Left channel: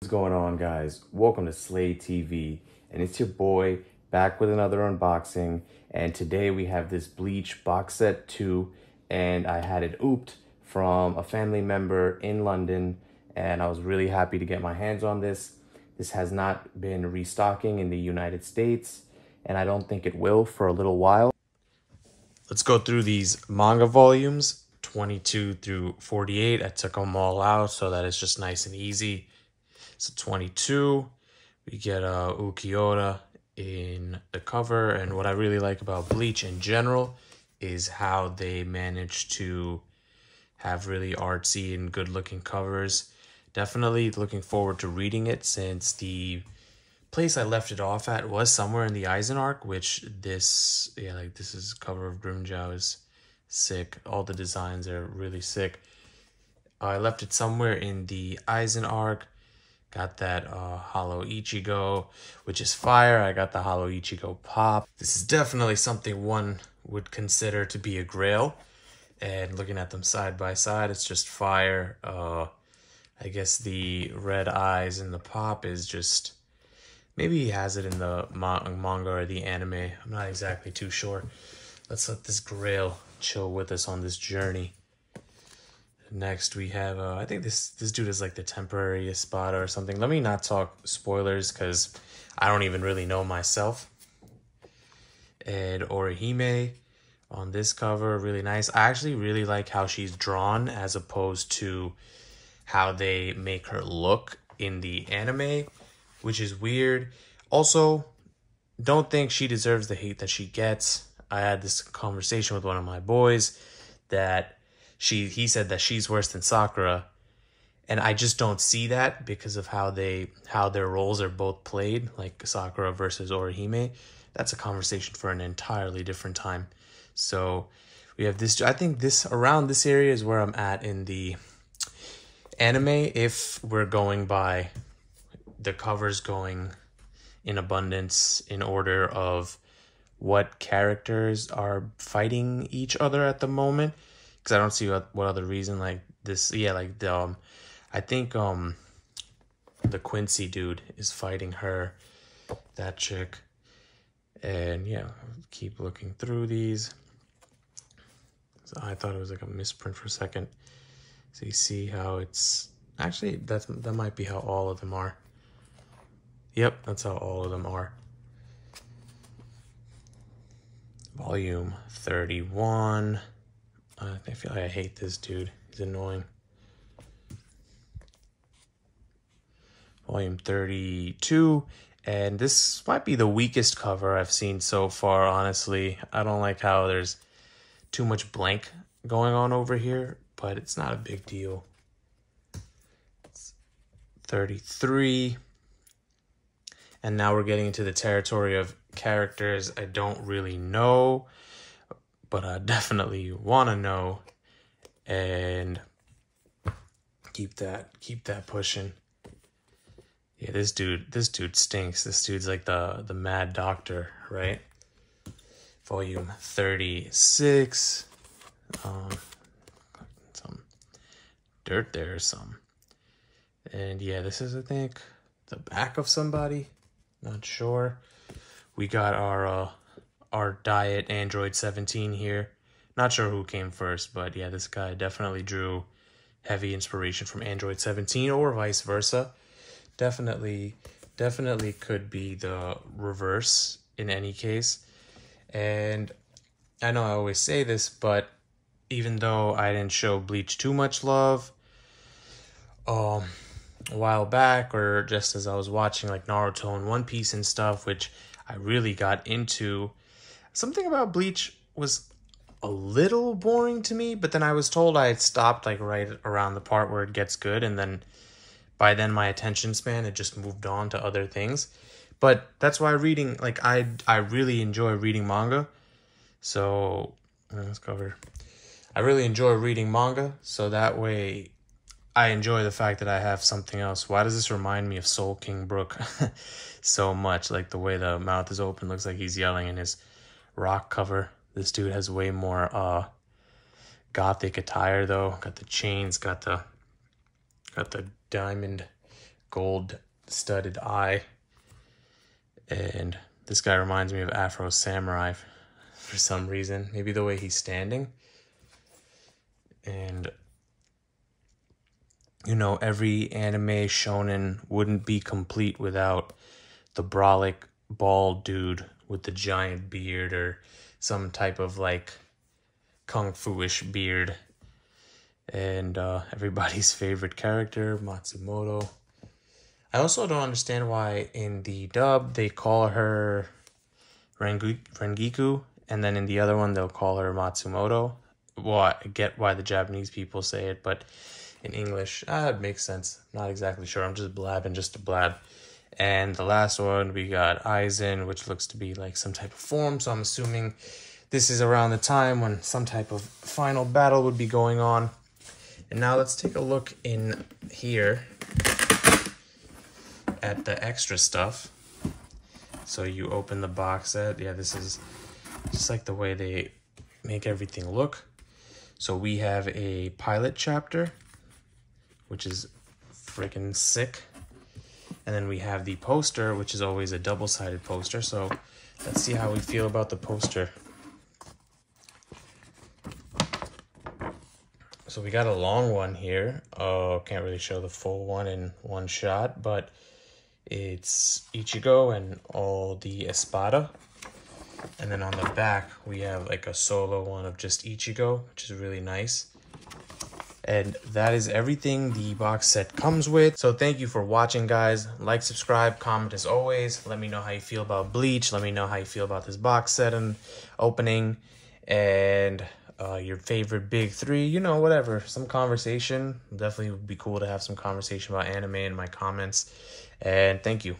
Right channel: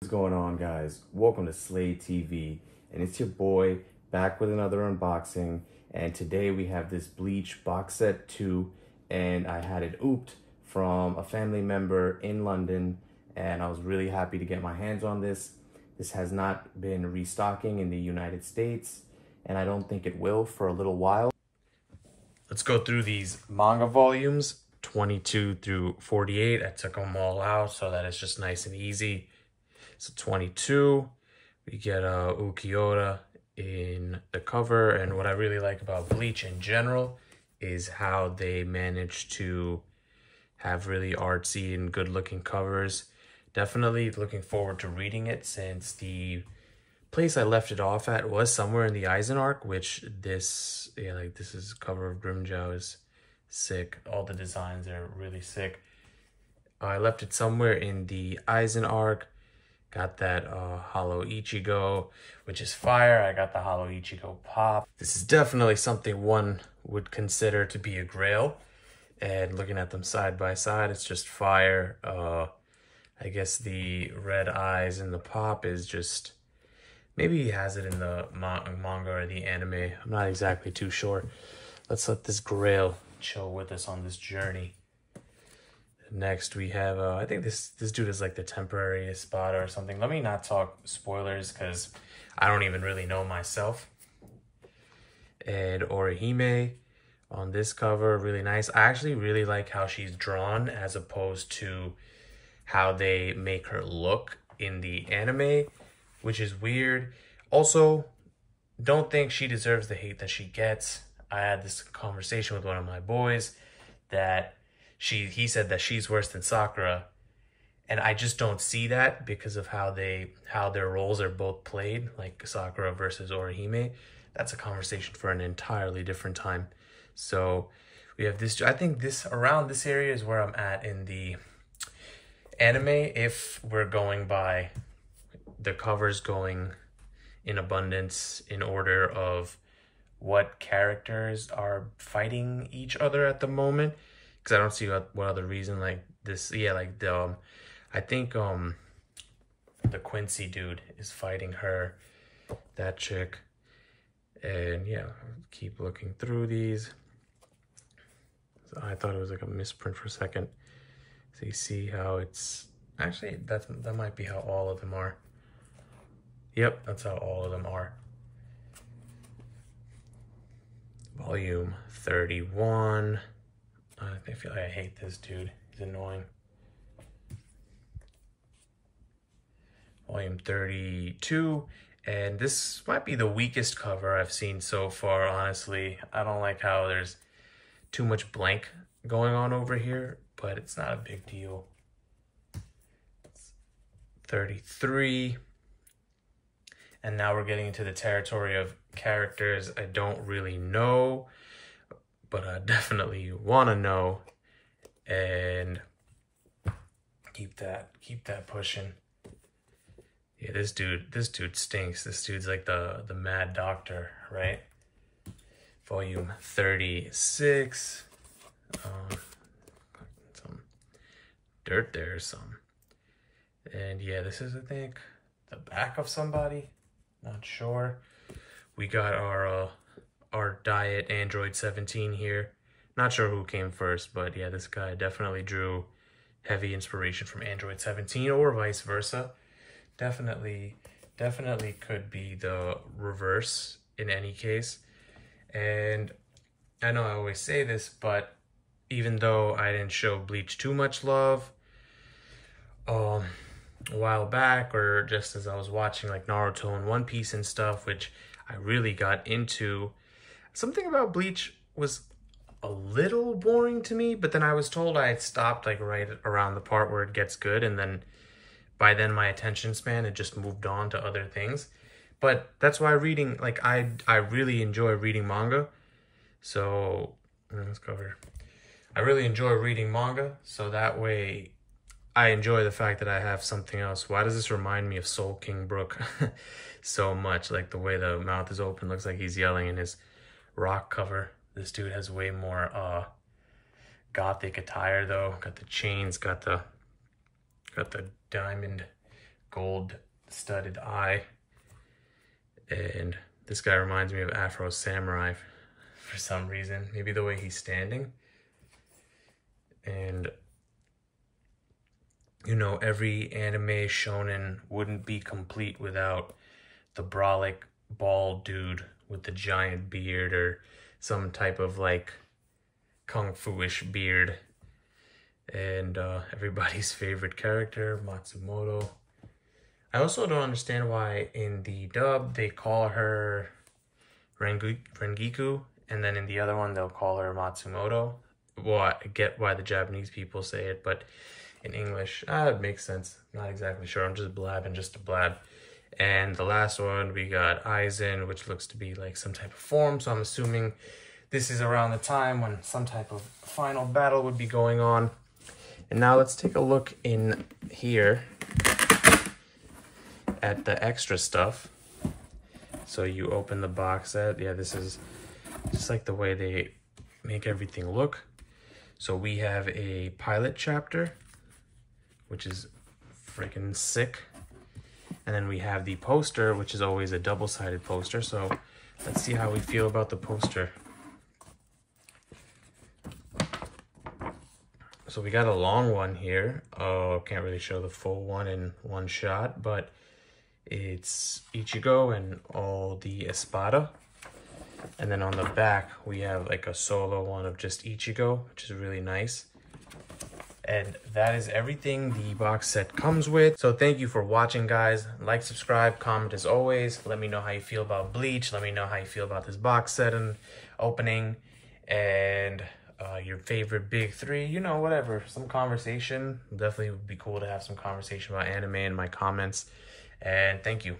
What's going on, guys? Welcome to Slay TV, and it's your boy back with another unboxing. And today we have this Bleach box set 2, and I had it ooped from a family member in London, and I was really happy to get my hands on this. This has not been restocking in the United States, and I don't think it will for a little while. Let's go through these manga volumes, 22 through 48. I took them all out so that it's just nice and easy. So 22, we get Ukiyoda in the cover, and what I really like about Bleach in general is how they manage to have really artsy and good looking covers. Definitely looking forward to reading it, since the place I left it off at was somewhere in the Eisen arc, which this is cover of Grimmjow is sick. All the designs are really sick. I left it somewhere in the Eisen arc. Got that Hollow Ichigo, which is fire. I got the Hollow Ichigo Pop. This is definitely something one would consider to be a grail. And looking at them side by side, it's just fire. I guess the red eyes in the Pop is just... maybe he has it in the manga or the anime. I'm not exactly too sure. Let's let this grail chill with us on this journey. Next, we have, I think this dude is like the temporary Espada or something. Let me not talk spoilers because I don't even really know myself. And Orihime on this cover, really nice. I actually really like how she's drawn as opposed to how they make her look in the anime, which is weird. Also, don't think she deserves the hate that she gets. I had this conversation with one of my boys that he said that she's worse than Sakura, and I just don't see that because of how their roles are both played, like Sakura versus Orihime. That's a conversation for an entirely different time. So we have this. I think around this area is where I'm at in the anime, if we're going by the covers going in abundance in order of what characters are fighting each other at the moment. Because I don't see what other reason like this. Yeah, like the I think the Quincy dude is fighting her, that chick. And yeah, keep looking through these. So I thought it was like a misprint for a second. So you see how it's actually that might be how all of them are. Yep, that's how all of them are. Volume 31. I feel like I hate this dude. He's annoying. Volume 32. And this might be the weakest cover I've seen so far, honestly. I don't like how there's too much blank going on over here, but it's not a big deal. 33. And now we're getting into the territory of characters I don't really know, but I definitely want to know, and keep that pushing. Yeah, this dude stinks. This dude's like the mad doctor, right? Volume 36. Some dirt there, some. And yeah, this is, I think, the back of somebody. Not sure. We got our Diet Android 17 here. Not sure who came first, but yeah, this guy definitely drew heavy inspiration from Android 17 or vice versa. Definitely could be the reverse in any case. And I know I always say this, but even though I didn't show Bleach too much love a while back, or just as I was watching like Naruto and One Piece and stuff, which I really got into, something about Bleach was a little boring to me, but then I was told I had stopped like right around the part where it gets good, and then by then my attention span had just moved on to other things. But that's why reading, like I really enjoy reading manga. So let's cover. I really enjoy reading manga, so that way I enjoy the fact that I have something else. Why does this remind me of Soul King Brook so much? Like the way the mouth is open, looks like he's yelling in his rock cover. This dude has way more gothic attire though. Got the chains, got the diamond gold-studded eye. And this guy reminds me of Afro Samurai for some reason. Maybe the way he's standing. And, you know, every anime shonen wouldn't be complete without the brolic bald dude with the giant beard or some type of like kung fu-ish beard. And everybody's favorite character, Matsumoto. I also don't understand why in the dub they call her Rengiku, and then in the other one they'll call her Matsumoto. Well, I get why the Japanese people say it, but in English, it makes sense. Not exactly sure. I'm just blabbing just to blab. And the last one, we got Aizen, which looks to be like some type of form. So I'm assuming this is around the time when some type of final battle would be going on. And now let's take a look in here at the extra stuff. So you open the box set. Yeah, this is just like the way they make everything look. So we have a pilot chapter, which is freaking sick. And then we have the poster, which is always a double-sided poster. So let's see how we feel about the poster. So we got a long one here. Oh, can't really show the full one in one shot, but it's Ichigo and all the Espada. And then on the back, we have like a solo one of just Ichigo, which is really nice. And that is everything the box set comes with. So thank you for watching, guys. Like, subscribe, comment as always. Let me know how you feel about Bleach. Let me know how you feel about this box set and opening. And your favorite big three, you know, whatever. Some conversation. Definitely would be cool to have some conversation about anime in my comments. And thank you.